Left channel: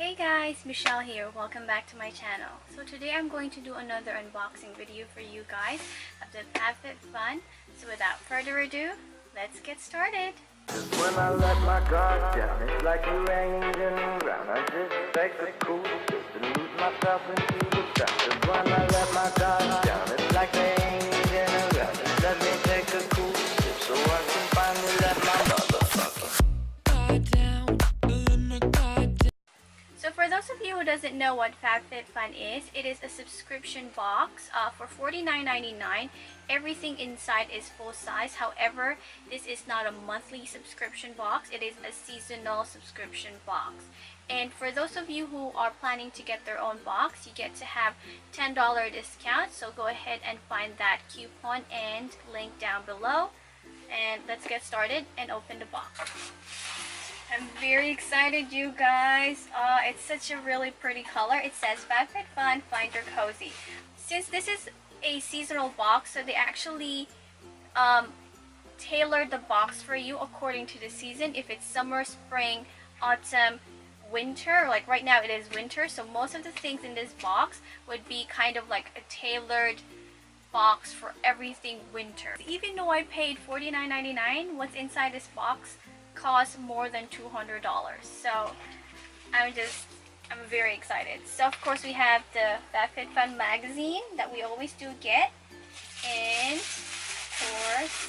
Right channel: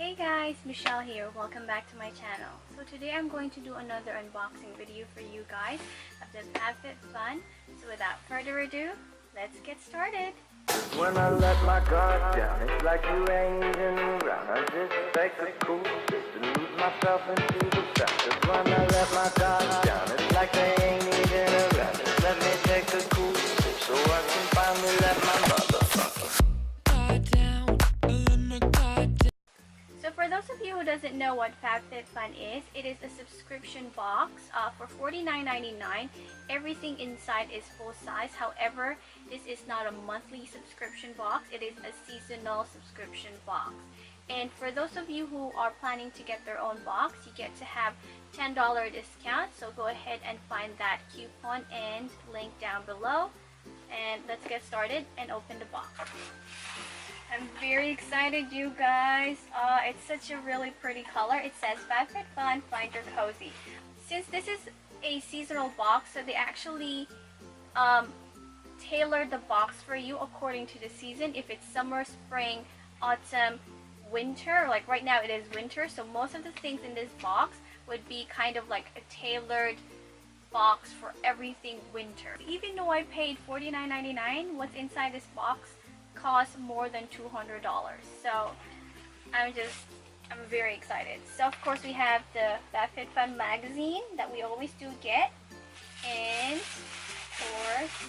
Hey guys, Michelle here. Welcome back to my channel. So today I'm going to do another unboxing video for you guys of the Fabfitfun. So without further ado, let's get started. Just when I let my guard down, it's like you ain't even around. I just take a cool sip and lose myself into the sound. Just when I let my guard down, it's like they ain't even around. Just let me take a cool sip so I can finally let my motherfucking guard down. So for those of you who doesn't know what Fabfitfun is, it is a subscription box for $49.99. Everything inside is full size. However, this is not a monthly subscription box. It is a seasonal subscription box. And for those of you who are planning to get their own box, you get to have $10 discount. So go ahead and find that coupon and link down below. And let's get started and open the box. I'm very excited, you guys. It's such a really pretty color. It says Fabfitfun, find your cozy. Since this is a seasonal box, so they actually tailored the box for you according to the season. If it's summer, spring, autumn, winter, like right now it is winter, so most of the things in this box would be kind of like a tailored box for everything winter. Even though I paid $49.99, what's inside this box costs more than $200, so I'm very excited. So of course we have the Fabfitfun magazine that we always do get, and of course,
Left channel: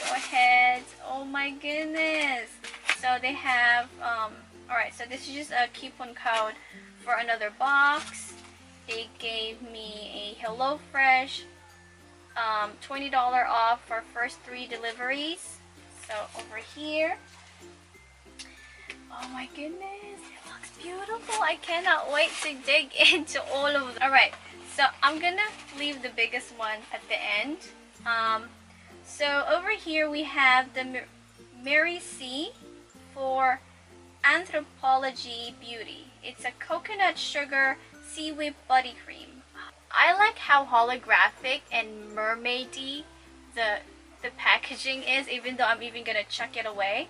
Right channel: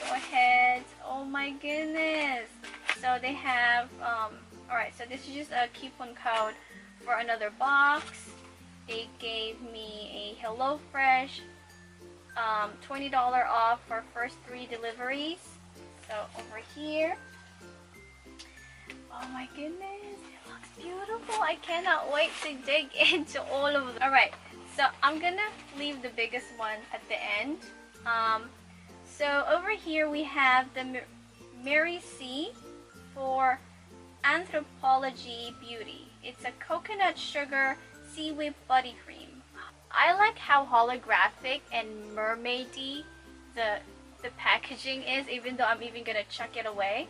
go ahead, oh my goodness, so they have alright, so this is just a coupon code for another box. They gave me a HelloFresh $20 off for first 3 deliveries. So over here, oh my goodness, it looks beautiful. I cannot wait to dig into all of them. Alright, so I'm gonna leave the biggest one at the end. So over here we have the Mary C for Anthropology Beauty. It's a coconut sugar sea whip body cream. I like how holographic and mermaidy the packaging is, even though I'm even gonna chuck it away.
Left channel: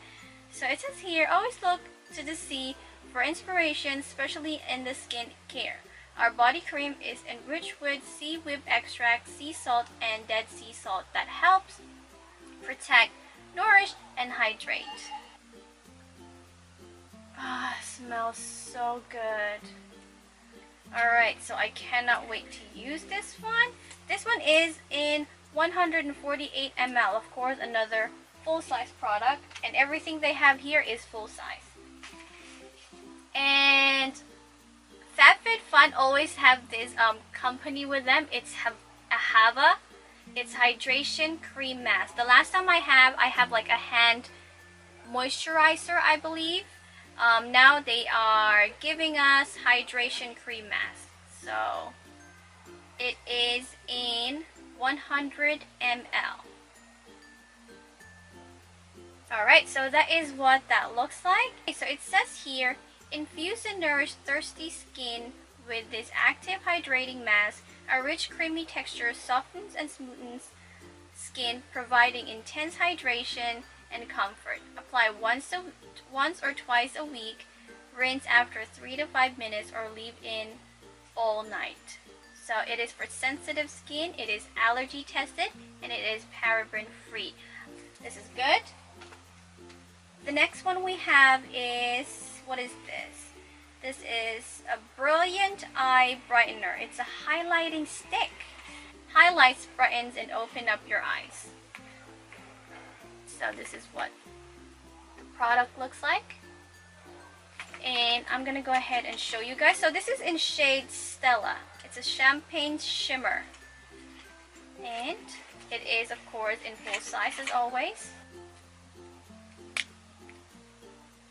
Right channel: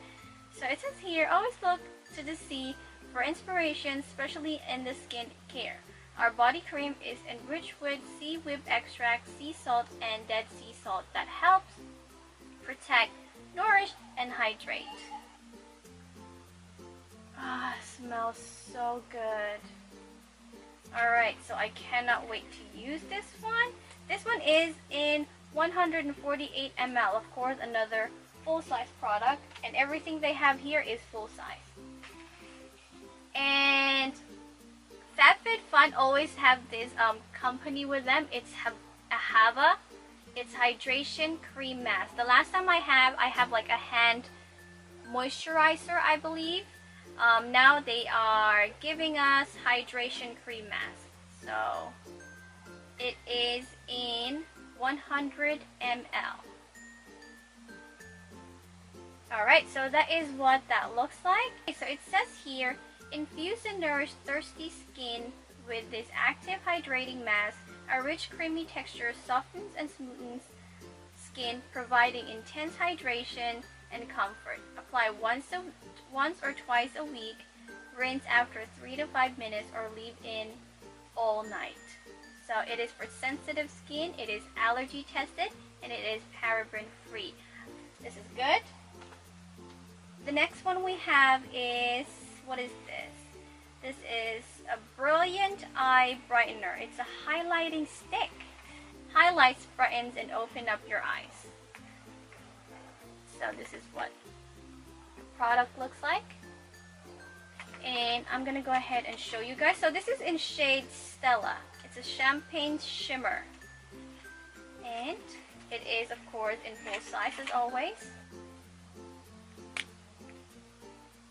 So it says here, always look to the sea for inspiration, especially in the skin care. Our body cream is enriched with sea whip extract, sea salt, and dead sea salt that helps protect, nourish, and hydrate. Ah, smells so good. Alright, so I cannot wait to use this one. This one is in 148 ml, of course, another full-size product, and everything they have here is full-size. And Fabfitfun always have this company with them. It's Ahava. It's hydration cream mask. The last time I have like a hand moisturizer, I believe. Now they are giving us hydration cream mask. So it is in 100 ml. Alright, so that is what that looks like. Okay, so it says here, infuse and nourish thirsty skin with this active hydrating mask. A rich creamy texture softens and smoothens skin, providing intense hydration and comfort. Apply once or twice a week. Rinse after 3 to 5 minutes or leave in all night. So it is for sensitive skin, it is allergy tested, and it is paraben free. This is good. The next one we have is, what is this? This is a Brilliant Eye Brightener. It's a highlighting stick. Highlights, brightens, and open up your eyes. So this is what the product looks like. And I'm gonna go ahead and show you guys. So this is in shade Stella. It's a champagne shimmer, and it is of course in full size as always.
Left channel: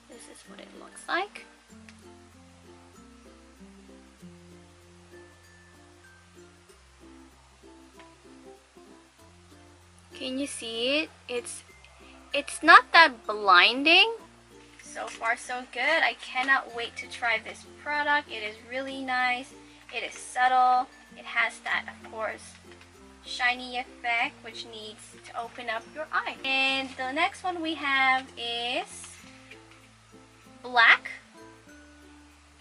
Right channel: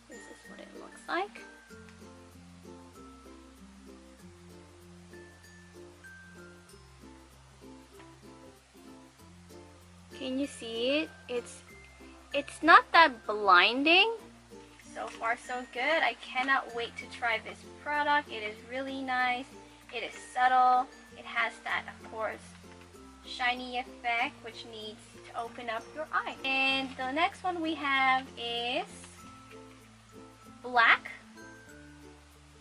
This is what it looks like. Can you see it? It's not that blinding. So far so good. I cannot wait to try this product. It is really nice. It is subtle. It has that, of course, shiny effect, which needs to open up your eye. And the next one we have is black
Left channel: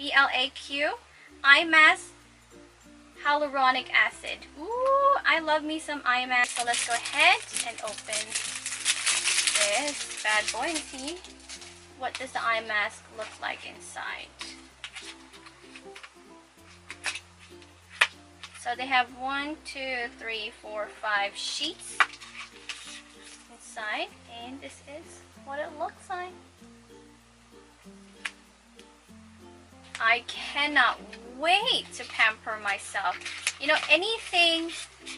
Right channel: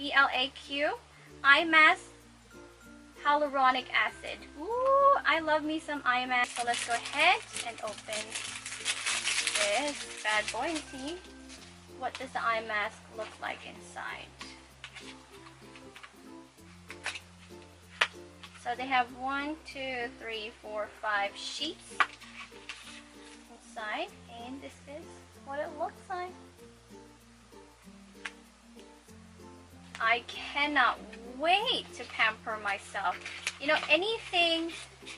BLAQ eye mask hyaluronic acid. Ooh, I love me some eye mask. So let's go ahead and open this bad boy and see what does the eye mask look like inside. So they have 1, 2, 3, 4, 5 sheets inside, and this is what it looks like. I cannot wait to pamper myself. You know, anything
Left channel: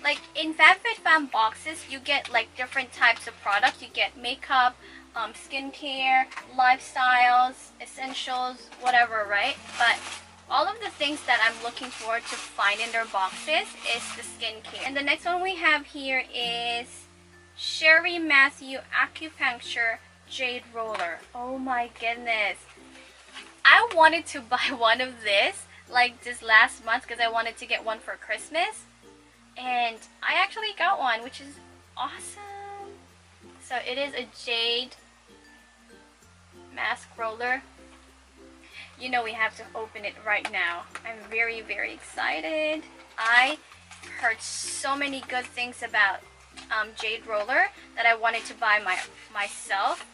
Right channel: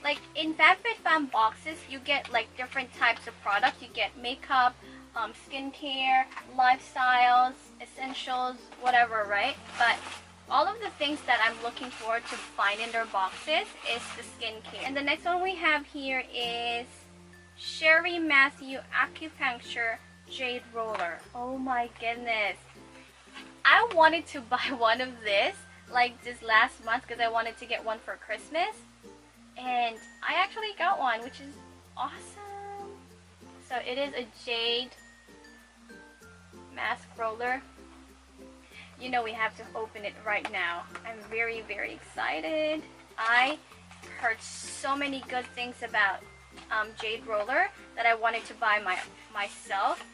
like in Fabfitfun boxes, you get like different types of products. You get makeup, skincare, lifestyles, essentials, whatever, right? But all of the things that I'm looking forward to find in their boxes is the skincare. And the next one we have here is Sherry Matthew Acupuncture Jade Roller. Oh my goodness. I wanted to buy one of this like this last month because I wanted to get one for Christmas. And I actually got one, which is awesome. So it is a jade mask roller. You know we have to open it right now. I'm very, very excited. I heard so many good things about Jade Roller that I wanted to buy myself.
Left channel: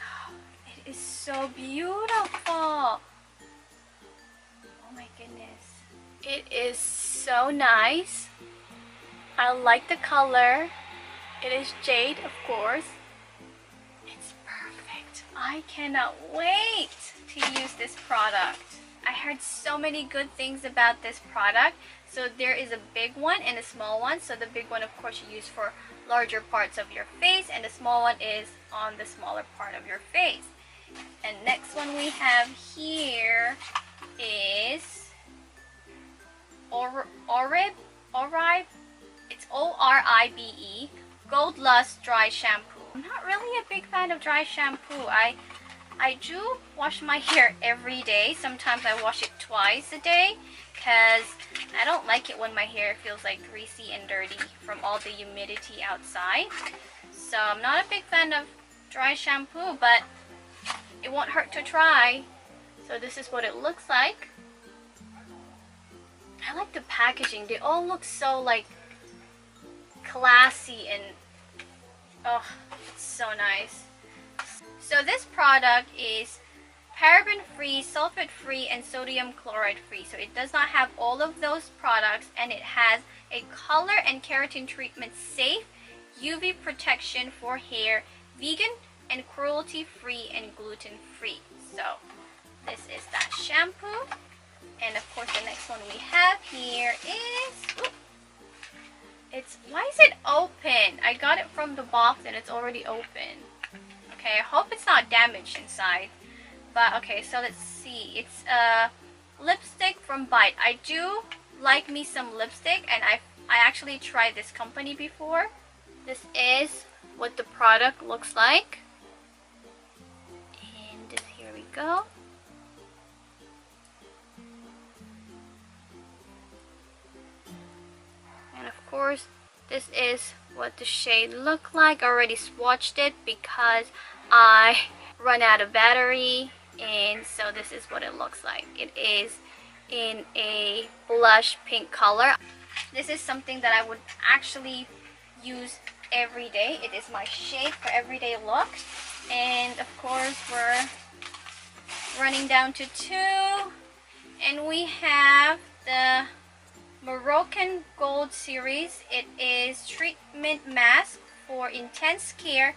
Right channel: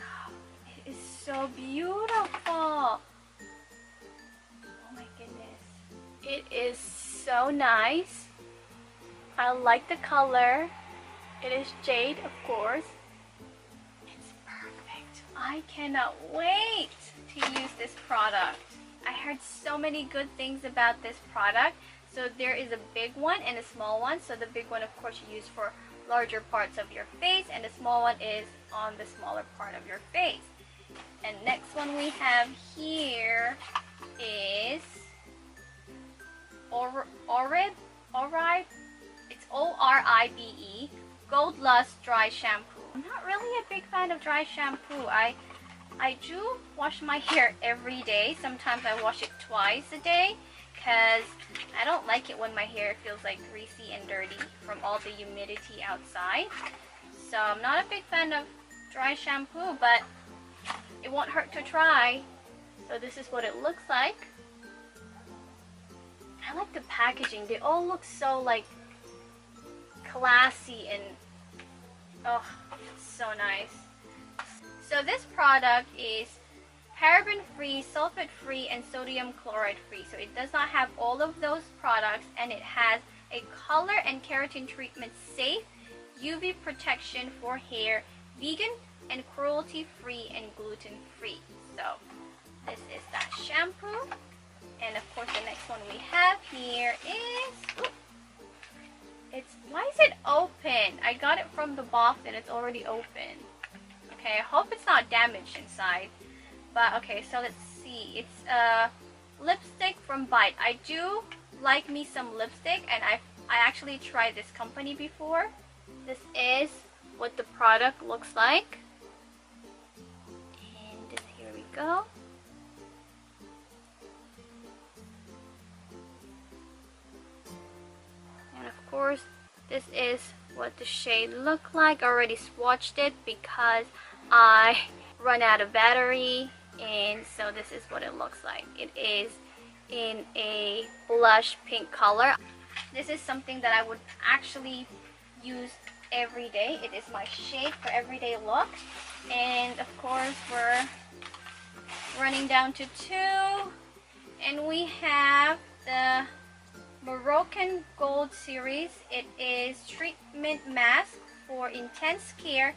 Oh, it is so beautiful. Oh my goodness. It is so nice. I like the color. It is jade, of course. It's perfect. I cannot wait to use this product. I heard so many good things about this product. So there is a big one and a small one. So the big one, of course, you use for larger parts of your face, and the small one is on the smaller part of your face. And next one we have here is Oribe. It's ORIBE Gold Lust Dry Shampoo. I'm not really a big fan of dry shampoo. I do wash my hair every day. Sometimes I wash it twice a day because I don't like it when my hair feels like greasy and dirty from all the humidity outside. So I'm not a big fan of dry shampoo, but it won't hurt to try. So this is what it looks like. I like the packaging. They all look so like classy and oh, it's so nice. So this product is paraben-free, sulfate-free, and sodium chloride-free. So it does not have all of those products, and it has a color and keratin treatment safe, UV protection for hair, vegan and cruelty-free and gluten-free. So this is that shampoo. And of course the next one we have here is, it's, why is it open? I got it from the box and it's already open. Okay, I hope it's not damaged inside. But okay, so let's see. It's a lipstick from Bite. I do like me some lipstick, and I actually tried this company before. This is what the product looks like. And here we go. And of course, this is what the shade look like. I already swatched it because I run out of battery, and so this is what it looks like. It is in a blush pink color. This is something that I would actually use every day. It is my shade for everyday look. And of course we're running down to 2, and we have the Moroccan Gold Series. It is treatment mask for intense care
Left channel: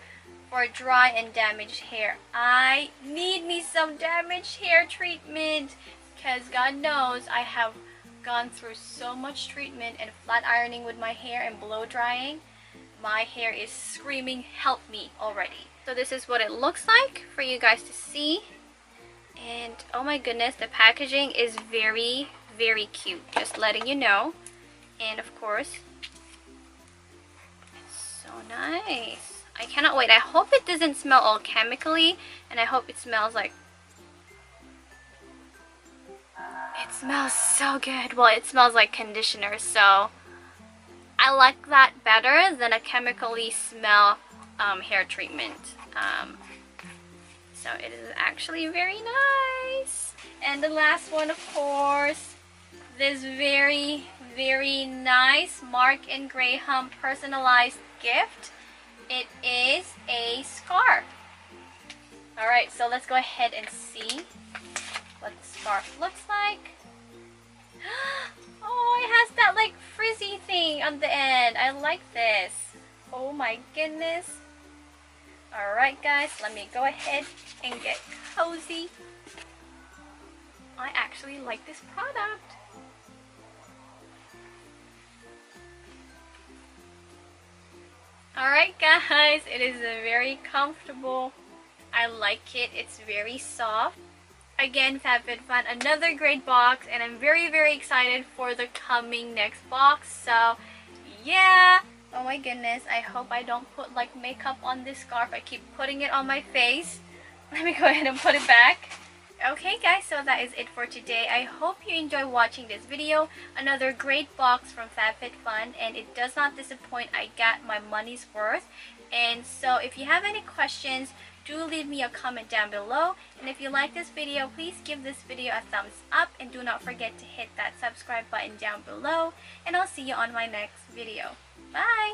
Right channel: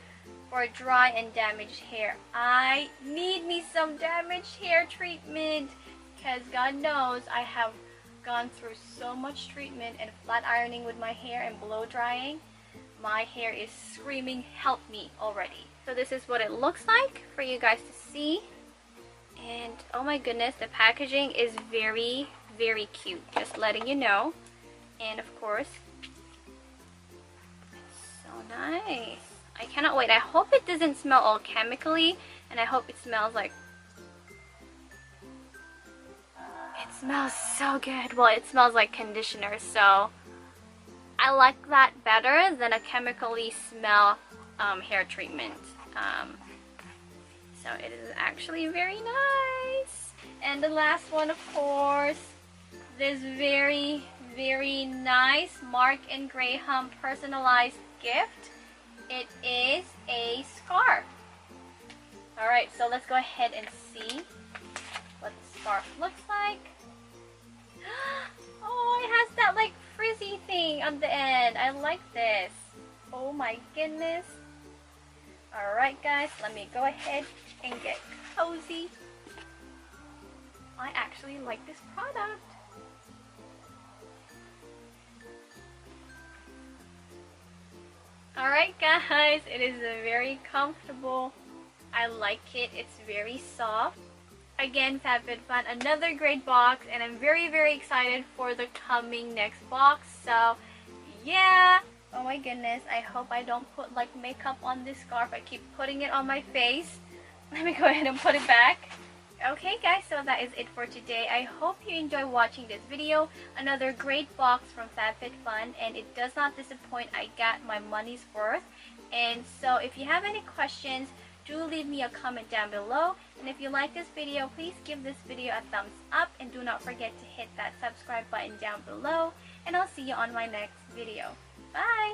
for dry and damaged hair. I need me some damaged hair treatment because God knows I have gone through so much treatment and flat ironing with my hair and blow drying. My hair is screaming help me already. So this is what it looks like for you guys to see. And oh my goodness, the packaging is very, very cute, just letting you know. And of course, it's so nice. I cannot wait. I hope it doesn't smell all chemically, and I hope it smells like, it smells so good. Well, it smells like conditioner, so I like that better than a chemically smell hair treatment. So it is actually very nice. And the last one, of course, this very, very nice Mark and Graham personalized gift. It is a scarf. Alright, so let's go ahead and see what the scarf looks like. Oh, it has that like frizzy thing on the end. I like this. Oh my goodness. Alright guys, let me go ahead and get cozy. I actually like this product. Alright guys, it is very comfortable. I like it. It's very soft. Again, Fabfitfun, another great box, and I'm very, very excited for the coming next box. So, yeah. Oh my goodness, I hope I don't put like makeup on this scarf. I keep putting it on my face. Let me go ahead and put it back. Okay guys, so that is it for today. I hope you enjoy watching this video. Another great box from Fabfitfun, and it does not disappoint. I got my money's worth. And so if you have any questions, do leave me a comment down below. And if you like this video, please give this video a thumbs up, and do not forget to hit that subscribe button down below. And I'll see you on my next video. Bye!